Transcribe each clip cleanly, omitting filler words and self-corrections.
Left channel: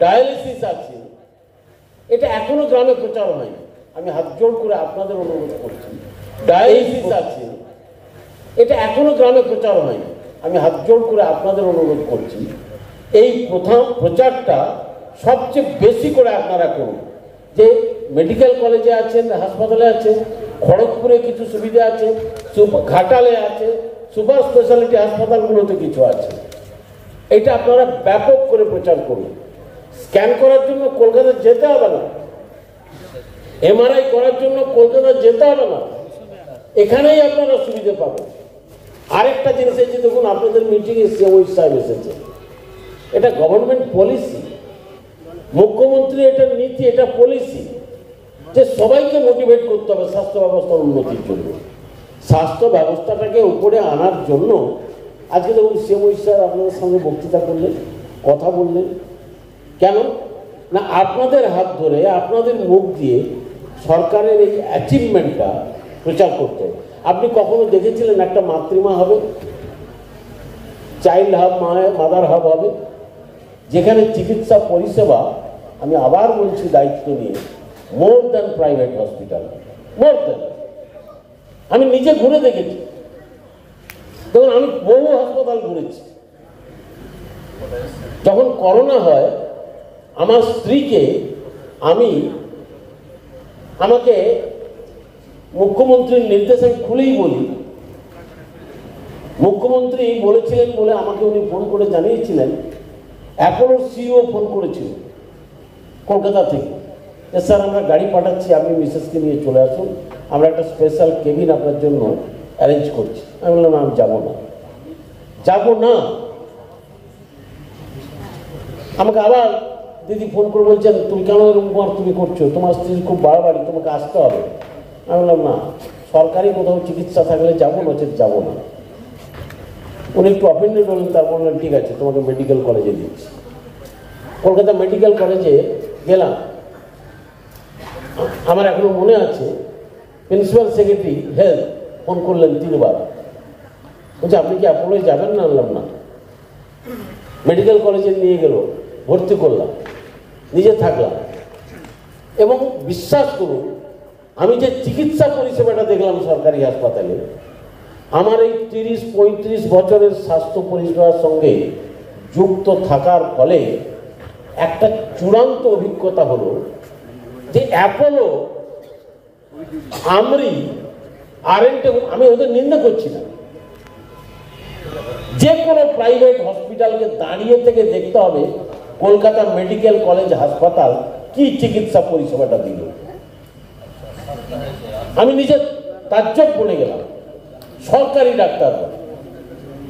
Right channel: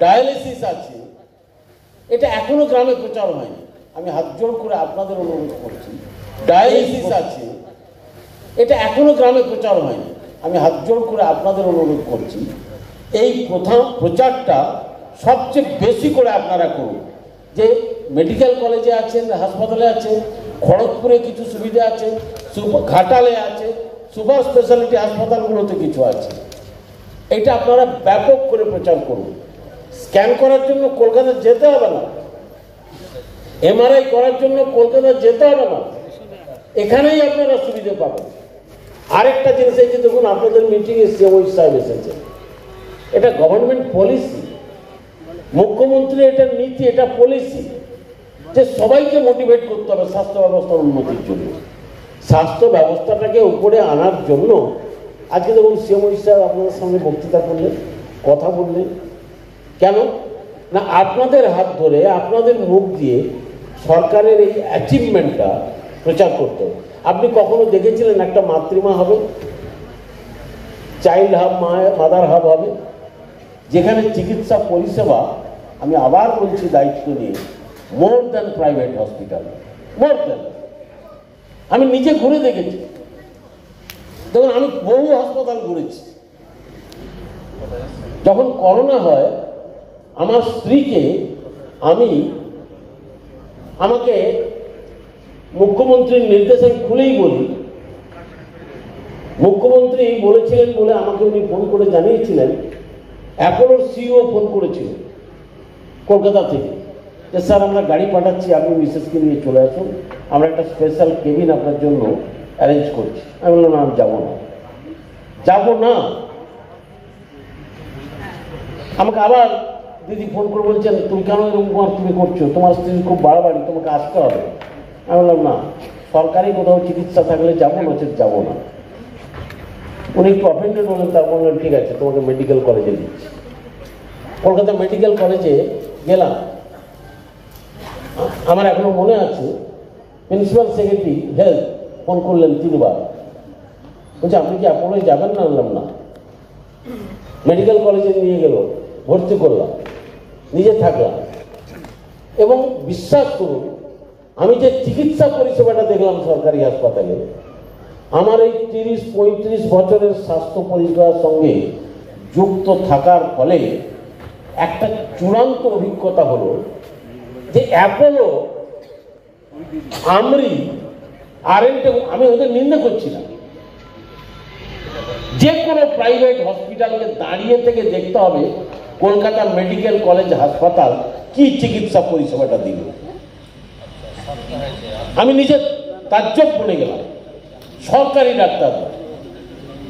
Dialysis আছে, এটা এখনো গ্রামে প্রচার হয়নি। আমি হাত জোড় করে আপনাদের অনুরোধ করছি, ডায়ালিসিস আছে, এটা এখনো গ্রামে প্রচার হয়নি। আমি হাত জোড় করে আপনাদের অনুরোধ করছি, এই প্রচারটা সবচেয়ে বেশি করে আপনারা করুন। যে মেডিকেল কলেজে আছেন, হাসপাতালে আছে, খড়গপুরে কিছু সুবিধা আছে, ঘাটালে আছে, সুপার স্পেশালিটি হাসপাতালগুলোতে কিছু আছে, এটা আপনারা ব্যাপক করে প্রচার করুন। স্ক্যান করার জন্য কলকাতা যেতে হবে না, এমআরআই করার জন্য কলকাতা যেতে হবে না, এখানেই আপনারা সুবিধা পাবেন। আরেকটা জিনিস এই যে দেখুন, আপনাদের মিটিংয়ে সিএমও সাহেব এসেছে, এটা গভর্নমেন্ট পলিসি, মুখ্যমন্ত্রী এটা নীতি, এটা পলিসি যে সবাইকে মোটিভেট করতে হবে স্বাস্থ্য ব্যবস্থার উন্নতির জন্য। স্বাস্থ্য ব্যবস্থাটাকে উপরে আনার জন্য আজকে দেখুন সিএমও সাহেব আপনাদের সঙ্গে বক্তৃতা করলেন, কথা বললেন। কেন না, আপনাদের হাত ধরে, আপনাদের মুখ দিয়ে সরকারের এই অ্যাচিভমেন্টটা প্রচার করতে হবে। আপনি কখনো দেখেছিলেন একটা মাতৃমা হবে, চাইল্ড হাব, মাদার হাব হবে, যেখানে চিকিৎসা পরিষেবা, আমি আবার বলছি দায়িত্ব নিয়ে, more than private hospital, more than. আমি নিজে ঘুরে দেখেছি, তখন আমি বহু হাসপাতাল ঘুরেছি। যখন করোনা হয়, আমার স্ত্রীকে আমাকে মুখ্যমন্ত্রীর নির্দেশ, আমি খুলেই বলি, মুখ্যমন্ত্রী বলেছিলেন বলে আমাকে উনি ফোন করে জানিয়েছিলেন, অ্যাপোলোর সিইও ফোন করেছিল কলকাতা থেকে, যে স্যার আমরা গাড়ি পাঠাচ্ছি, আপনি মিসেসকে নিয়ে চলে আসুন, আমরা একটা স্পেশাল কেবিন আপনার জন্য অ্যারেঞ্জ করছি। আমি বললাম আমি যাবো না। আমাকে আবার দিদি ফোন করে বলছেন, তুমি কেন এরকম তুমি করছো, তোমার স্ত্রী খুব বাড়াবাড়ি, তোমাকে আসতে হবে। আমি বললাম না, সরকারি কোথাও চিকিৎসা থাকলে যাবো, নচেত যাবো না। উনি একটু অফেন্ডেড হলেন, তার বললেন ঠিক আছে তোমাকে মেডিকেল কলেজে দিচ্ছি। কলকাতা মেডিকেল কলেজে গেলাম, আমার এখনো মনে আছে প্রিন্সিপাল সেক্রেটারি হেলথ ফোন করলেন 3 বার, বলছে আপনি কি অ্যাপোলোয় যাবেন না? বললাম না। মেডিকেল কলেজে নিয়ে গেল, ভর্তি করলাম, নিজে থাকলাম, এবং বিশ্বাস করুন আমি যে চিকিৎসা পরিষেবাটা দেখলাম সরকারি হাসপাতালে, আমার এই 30-35 বছরের স্বাস্থ্য পরিষেবার সঙ্গে যুক্ত থাকার ফলে একটা চূড়ান্ত অভিজ্ঞতা হলো যে অ্যাপোলো, আমরি, আরএনটে, আমি ওদের নিন্দা করছি না, যে কোনো প্রাইভেট হসপিটালকে দাঁড়িয়ে থেকে দেখতে হবে কলকাতা মেডিকেল কলেজ হাসপাতাল কি চিকিৎসা পরিষেবাটা দিল। আমি নিজে তাজ্জব বলে গেলাম, সরকারি ডাক্তার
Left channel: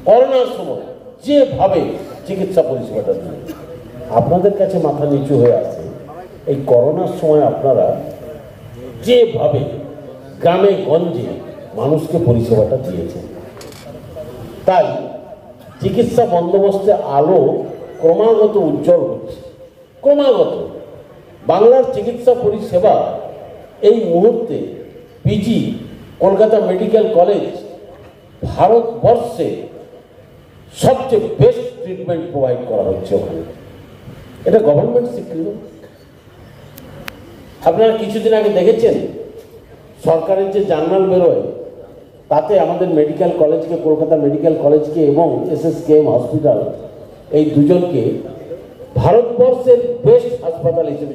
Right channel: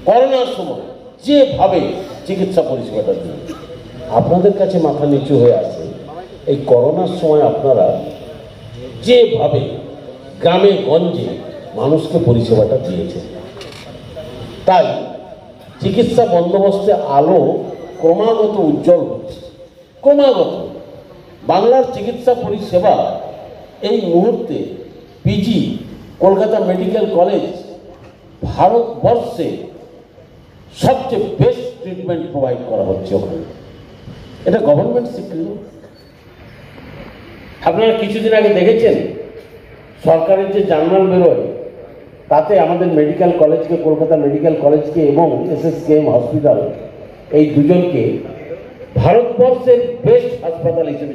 করোনার সময় যেভাবে চিকিৎসা পরিষেবাটা দিল। আপনাদের কাছে মাথা নিচু হয়ে আছে, এই করোনার সময় আপনারা যেভাবে গ্রামে গঞ্জে মানুষকে পরিষেবাটা দিয়েছেন, তাই চিকিৎসা বন্দোবস্তে আলো ক্রমাগত উজ্জ্বল হচ্ছে, ক্রমাগত। বাংলার চিকিৎসা পরিষেবা এই মুহূর্তে পিজি কলকাতা মেডিকেল কলেজ ভারতবর্ষে সবচেয়ে বেস্ট ট্রিটমেন্ট প্রোভাইড করা হচ্ছে ওখানে, এটা গভর্নমেন্ট স্বীকৃত। আপনারা কিছুদিন আগে দেখেছেন সরকারের যে জার্নাল বেরোয়, তাতে আমাদের মেডিকেল কলেজকে, কলকাতা মেডিকেল কলেজকে এবং এসএসকেএম হসপিটাল, এই দুজনকে ভারতবর্ষের বেস্ট হাসপাতাল হিসেবে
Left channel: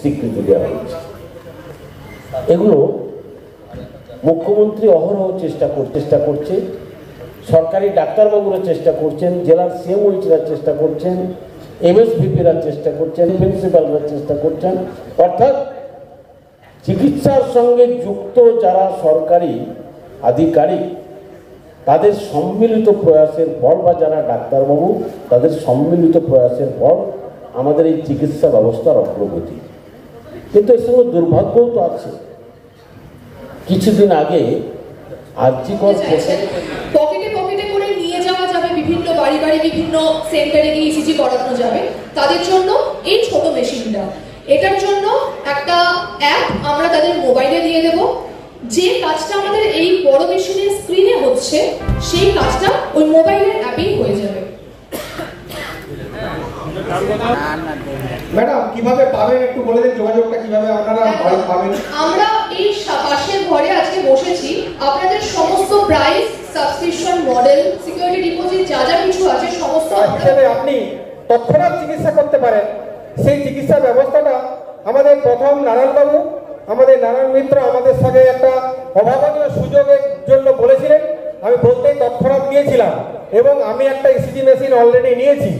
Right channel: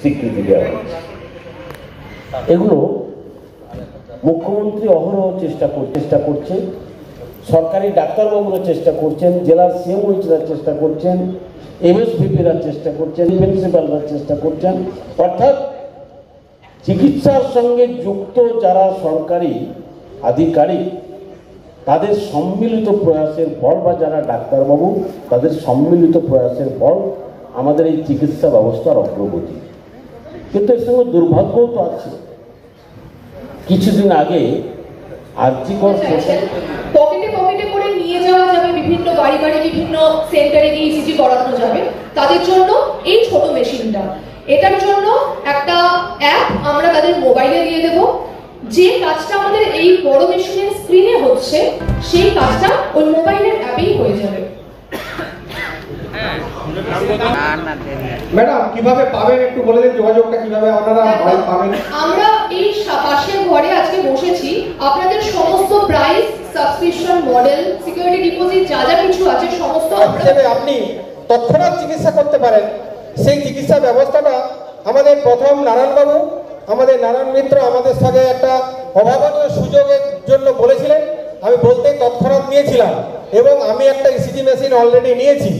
স্বীকৃতি দেওয়া হয়েছে। এগুলো মুখ্যমন্ত্রী অহরহ চেষ্টা করছে, সরকারি ডাক্তারবাবুরা চেষ্টা করছেন, জেলার সিএমওরা চেষ্টা করছেন, এমএসভিপিরা চেষ্টা করছেন, প্রিন্সিপালরা চেষ্টা করছেন, অর্থাৎ চিকিৎসার সঙ্গে যুক্ত যারা সরকারি আধিকারিক তাদের সম্মিলিত প্রয়াসের ফল, বা যারা ডাক্তারবাবু তাদের সম্মিলিত প্রয়াসের ফল আমাদের এই চিকিৎসা ব্যবস্থার অগ্রগতি। কিন্তু এর সঙ্গে দুর্ভাগ্যও তো আছে। কিছুদিন আগে পকেটে করে নিয়ে যাওয়া যাবে, বিভিন্ন বাড়ি বিভিন্ন সেন্টারে গিয়ে ইসিজি করানো যাবে, তাদের জন্য এই ছোট মেশিনটা, এটার জন্য একটা অ্যাপ আমরা তাদের মোবাইলে দিয়ে দেব। যে কাজটা আমাদের এই বড় মেশিনের স্ক্রিনে হচ্ছে, সেই কাজটা ওই মোবাইলের অ্যাপেই হয়ে যাবে। ম্যাডাম কিভাবে পাবেন একটু বলে দিন, যোগাযোগটা কিভাবে আপনারা পাবেন? আমরা এই পাশের ঘরে আজকে বসেছি, আপনাদের সমস্ত price, subscription model, security deposit যা যা কিছু আছে সমস্ত আপনি তৎক্ষণাৎ চিকিৎসা করতে পারেন। সেই চিকিৎসা ব্যবস্থাটা আমাদের প্রথম নারায়ণবাবু, আমাদের নারায়ণ মিত্র আমাদের সঙ্গে একটা অভাবনীয় সুযোগের জন্য বলেছিলেন, আমি বলতেই তৎক্ষণাৎ নিয়েছিলাম এবং আমি একটা ইসিজি মেশিন অলরেডি নিয়েছি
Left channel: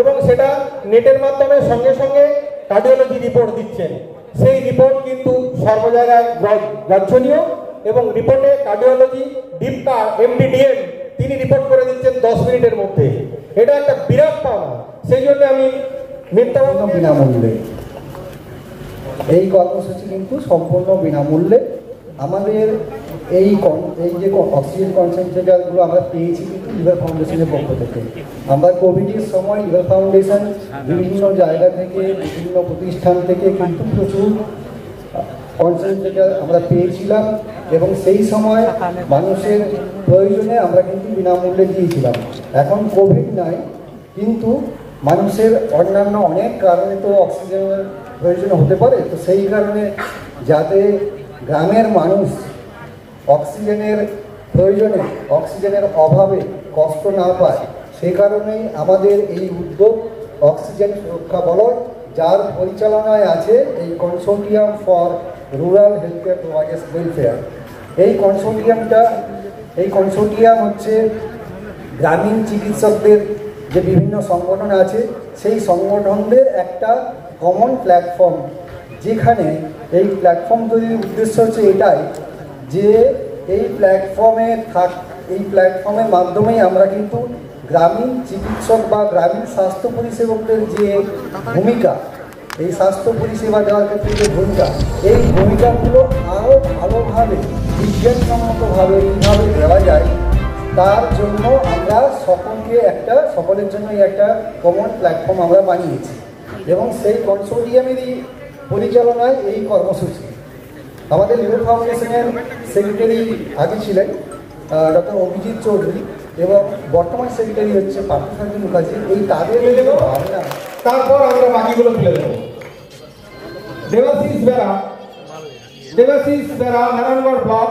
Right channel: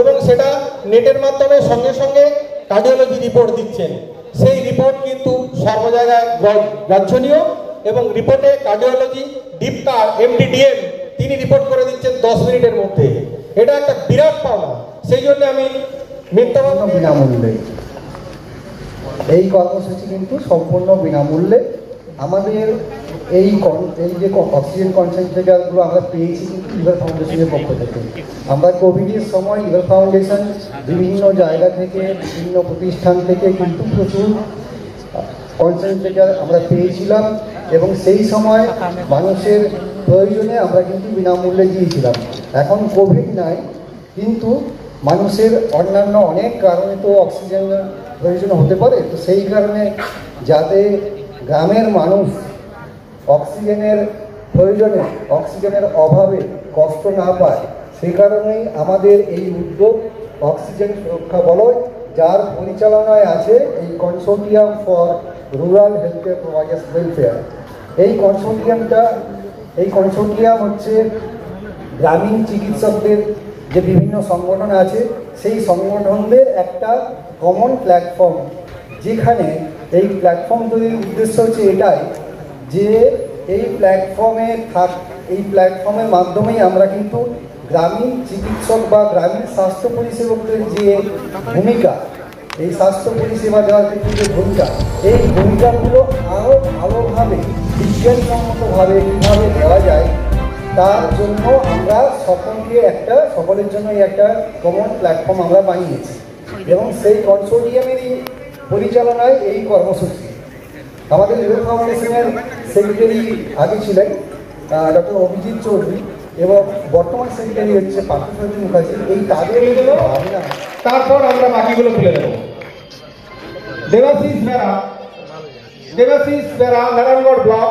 এবং সেটা নেটের মাধ্যমে সঙ্গে সঙ্গে কার্ডিওলজি রিপোর্ট দিচ্ছেন। সেই রিপোর্ট কিন্তু সর্ব জায়গায় বাঞ্ছনীয় এবং রিপোর্টে কার্ডিওলজি ডিপকার এমডিডিএম তিনি রিপোর্ট করে দিচ্ছেন 10 মিনিটের মধ্যে। এটা একটা বিরাট পাওনা। সেই জন্য আমি মিথ্যাবাদী বিনামূল্যে এই কর্মসূচি কিন্তু সম্পূর্ণ বিনামূল্যে। আমাদের এই যে অক্সিজেন কনসেন্ট্রেটরগুলো আমরা পেয়েছি কিন্তু লিভার ফাউন্ডেশনের পক্ষ থেকে। আমরা কোভিডের সময় লিভার ফাউন্ডেশন বিভিন্ন জায়গা থেকে, বিভিন্ন প্রতিষ্ঠান থেকে কিন্তু প্রচুর কনসেন্ট্রেটর আমরা পেয়েছিলাম এবং সেই সময় মানুষের প্রয়োজনে আমরা কিন্তু বিনামূল্যে দিয়েছিলাম। এখন কোভিড নাই, কিন্তু মানুষের অন্যান্য অনেক কারণে তো অক্সিজেনের প্রয়োজন হতে পারে। তো সেই কারণে যাতে গ্রামের মানুষ অক্সিজেনের প্রয়োজনে, অক্সিজেনের অভাবে কষ্ট না পায়, সেই কারণেই আমাদের এই উদ্যোগ অক্সিজেন সুরক্ষা বলয়, যার পরিচালনায় আছে এই consortium for rural health care providers welfare. এই কনসোর্টিয়াম হচ্ছে গ্রামীণ চিকিৎসকদের যে বিভিন্ন সংগঠন আছে, সেই সংগঠনদের একটা কমন প্ল্যাটফর্ম, যেখানে এই প্ল্যাটফর্ম তৈরির উদ্দেশ্য হচ্ছে এটাই যে এই প্ল্যাটফর্মের মাধ্যমেই আমরা কিন্তু গ্রামীণ চিকিৎসক বা গ্রামীণ স্বাস্থ্য পরিষেবকদের যে ভূমিকা, এই স্বাস্থ্য পরিষেবা দেওয়ার ক্ষেত্রে যে ভূমিকা, এই ভূমিকাগুলো আরও ভালোভাবে বিজ্ঞানসম্মতভাবে কীভাবে দেওয়া যায়, তার জন্য আমরা সকলের জন্যই একটা কমন প্ল্যাটফর্ম আমরা বানিয়েছি এবং সেই কনসোর্টিয়ামেরই পরিচালনায় এই কর্মসূচি। আমাদের লিভার ফাউন্ডেশনের সেক্রেটারি আগে ছিলেন ডক্টর অভিজিৎ চৌধুরী এবং বর্তমান সেক্রেটারি হচ্ছে পার্থসারথী মুখার্জি। এই তাদের তারপর আমরা বাকিগুলো তুলে দেবো। দেবাশিস বেরা, নারায়ণগড় ব্লক